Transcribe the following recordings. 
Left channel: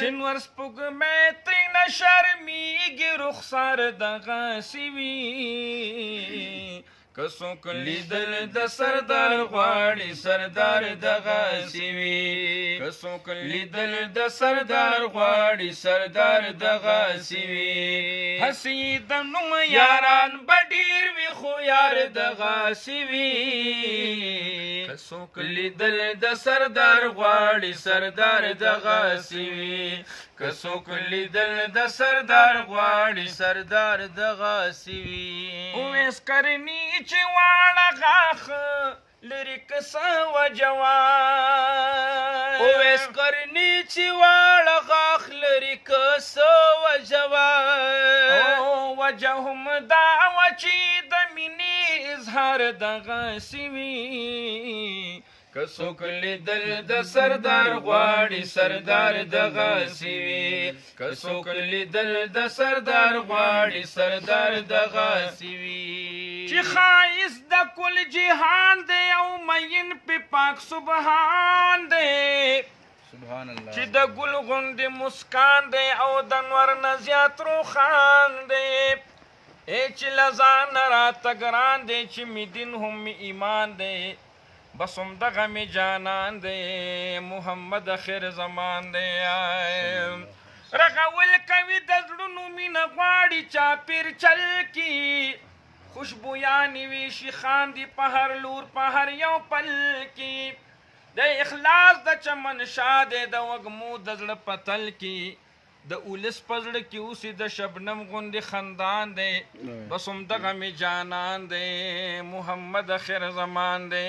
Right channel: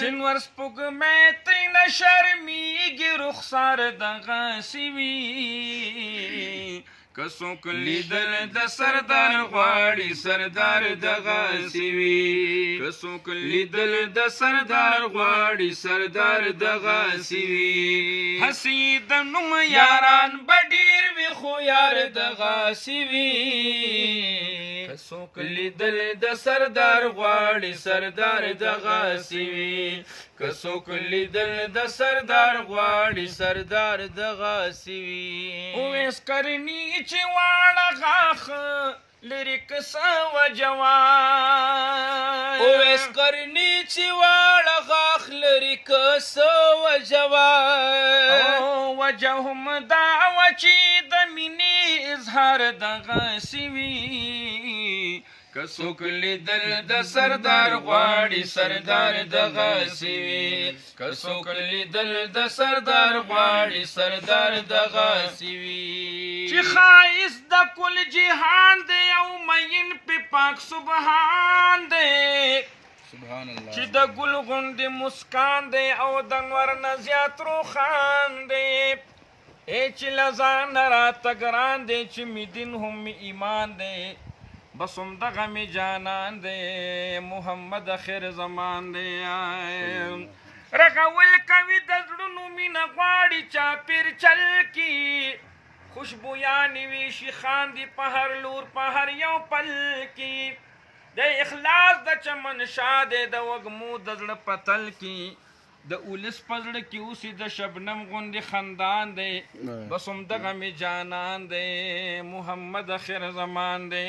شنور سپوږمۍ ترېنه شرمېږي رخسار دغسې وي که څوک لیدل د سردار غواړي سردار دغسې وي که څوک لیدل د سردار غواړي سردار دغسې وي هسې د نوم یاران به ډېر وي خو یار دغسې وي که څوک لیدل د سردار غواړي سردار دغسې وي که څوک لیدل د سردار غواړي سردار دغسې وي اویس کرني چې واړه غاښ لري که څه وجه وای اویس کرني چې واړه غاښ لري که څه وجه وای وجه هم دا وه چې د مینې اظهار دغسې وي که څوک لیدل د سردار غواړي سردار دغسې وي که څوک لیدل د سردار غواړي سردار دغسې وي چې ښایست د کل جهان دی او مین پې پاک سبحان دی سبحان الله چې د ګل غوندې مسکان دی او د نور نه زیات روښان دی چې له ځانه راته ګران دی چې مې دین هم مې ایمان دی بس همدغه مې جانان دی محمد خیر زمان دی رغول کوي د زړونو مینه غواړي چاپېر چل کې خوشبویانې وي شیخان دي په هر لور په هر یو پل کې د اخلاص د چمن شاه دی د وږمو د زړه په تل کې د اولس په زړه کې اوسې د شبنم غوندې خندان دی بس همدغه مې جانان دی محمد خیر زمان دی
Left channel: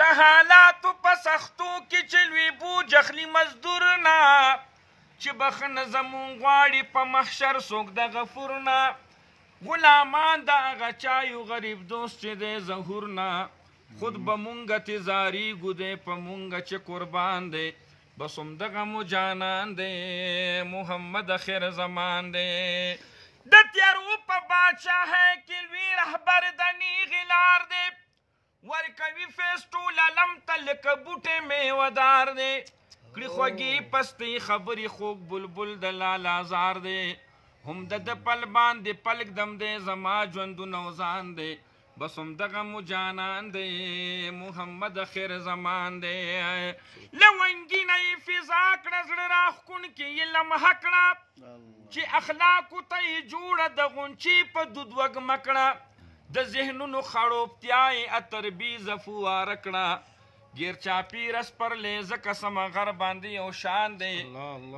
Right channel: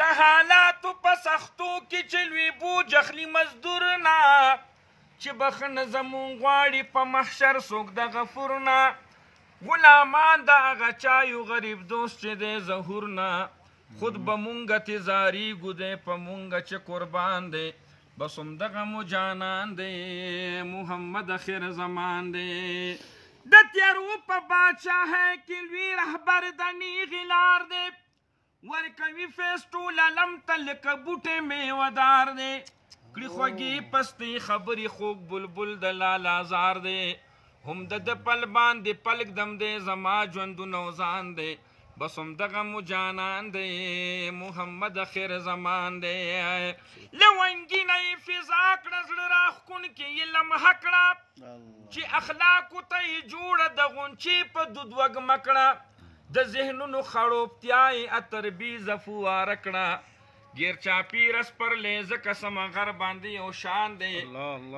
د حالاتو په سختو کې چې لوی بوج اخلي مزدور نه چې بخښنه زمونږ غواړي په محشر څوک د غفور نه غلامان د هغه چایو غریب دوست چې دی ظهور نه خود به مونږه تیزاریږو دی په مونږه چې قربان دی بس همدغه مو جانان دی محمد خیر زمان دی د تیارو په بادشاهۍ کې لوی رهبر د نیغې لار دی ورکوي فیض ټول علم ته لکه بوټی میوهدار دی کړي خوږې پستې خبرې خوږ بلبل د لالازار دی هم د پل باندې پلک دم دی زما ژوندونه وزان دی بس همدغه مو جانان دی محمد خیر زمان دی له ونګینه یې فضا کړه زړه راښکونکې یې لمحه کړه چې اخلاقو ته یې جوړه د غونچې په دود وږمه کړه د ذهنونو خړوبتیا یې اتربیزه فواره کړه ګیر چاپېره سپرلی ځکه سمغر باندې یو شان دی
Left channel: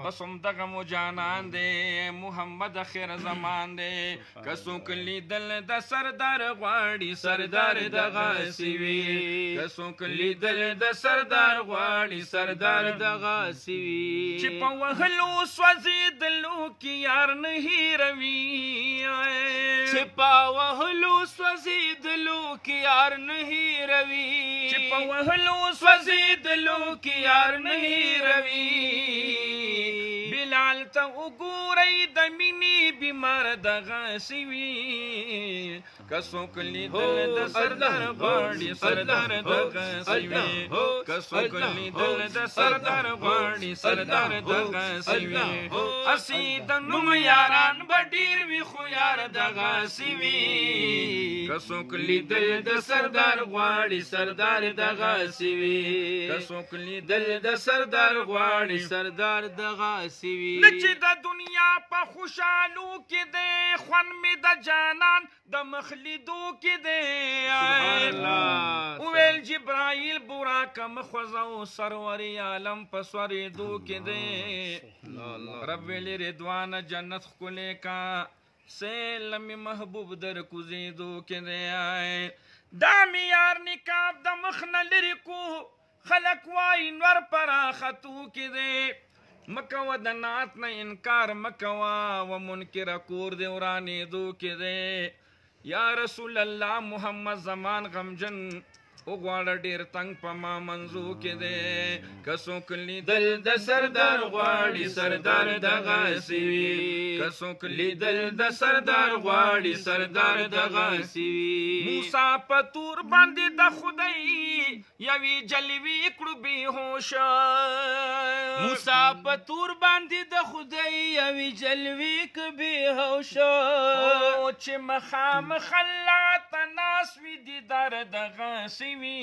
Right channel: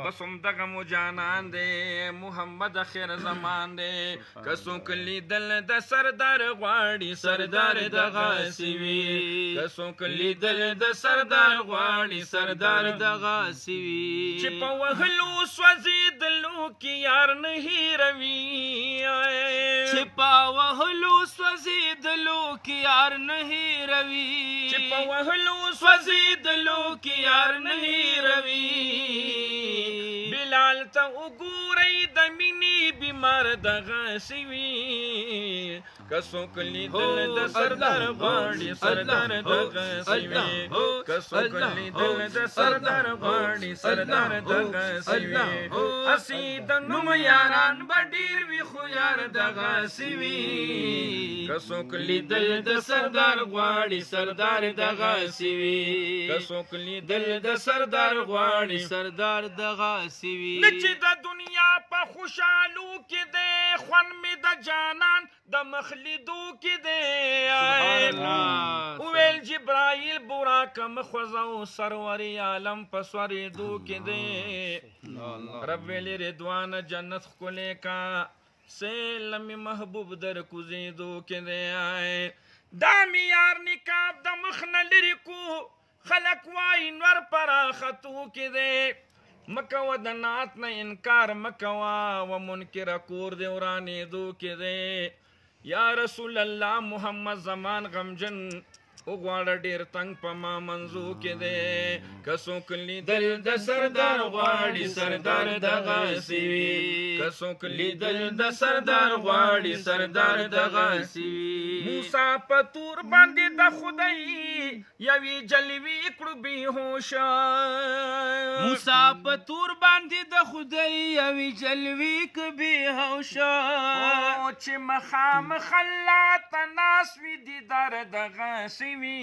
بس همدغه مو جانان دی محمد خیر زمان دی که څوک لیدل د سردار غواړي سردار دغسې وي که څوک لیدل د سردار غواړي سردار دغسې وي چې په وهلو سوځېدلو کې یار نه هېروي چې په وهلو سوځېدلو کې یار نه هېروي چې په وهلو سوځېدلو کې یار نه هېروي بلال ته وګورئ د مینې بیمار دغسې وي که څوک لیدل د سردار غواړي سردار دغسې وي که څوک لیدل د سردار غواړي سردار دغسې وي هسې د نوم یاران به ډېر وي خو یار دغسې وي که څوک لیدل د سردار غواړي سردار دغسې وي که څوک لیدل د سردار غواړي سردار دغسې وي نه چې د دنیا په خوشحالو کې دی خوند مې د جانان د مخ لیدو کې دی وویل جبرایل براکه مخوځه او سرور عالم په سورېدو کې دی رب ویلې رضوانه جنت ښکلی کا سیل مې محبوب در کوزېدو کې دی دا مې یار نقاب د مخ نه لرې کو خلک وایي نور پراختو کې دی مکوه د نعت نه انکار مکوه و منکره کور دی ورانېدو کې دی یا رسول الله محمد زمان غمجن وغواړه ډېر تنګ په ما منځو کې دی که څوک لیدل د سردار غواړي سردار دغسې وي که څوک لیدل د سردار غواړي سردار دغسې وي موسی په تور باندې د خدای یوې جلوې کړو بېهوشه موسی په تور باندې د خدای یوې جلوې کبې هوشه او چې مخامخ الله ته ناست وي دیدار دغسې وي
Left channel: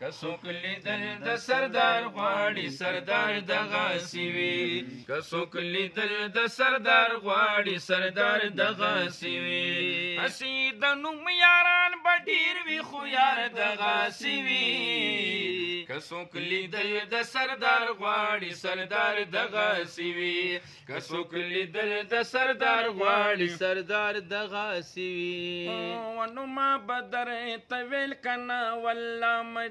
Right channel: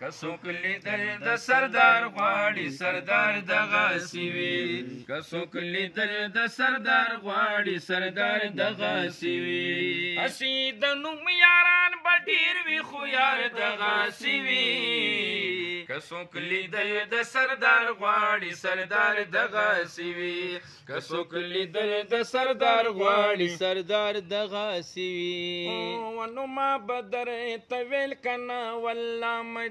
که څوک لیدل د سردار غواړي سردار دغسې وي که څوک لیدل د سردار غواړي سردار دغسې وي هسې د نوم یاران به ډېر وي خو یار دغسې وي که څوک لیدل د سردار غواړي سردار دغسې وي که څوک لیدل د سردار غواړي سردار دغسې وي ونو ما بدر ته ویل کنه والله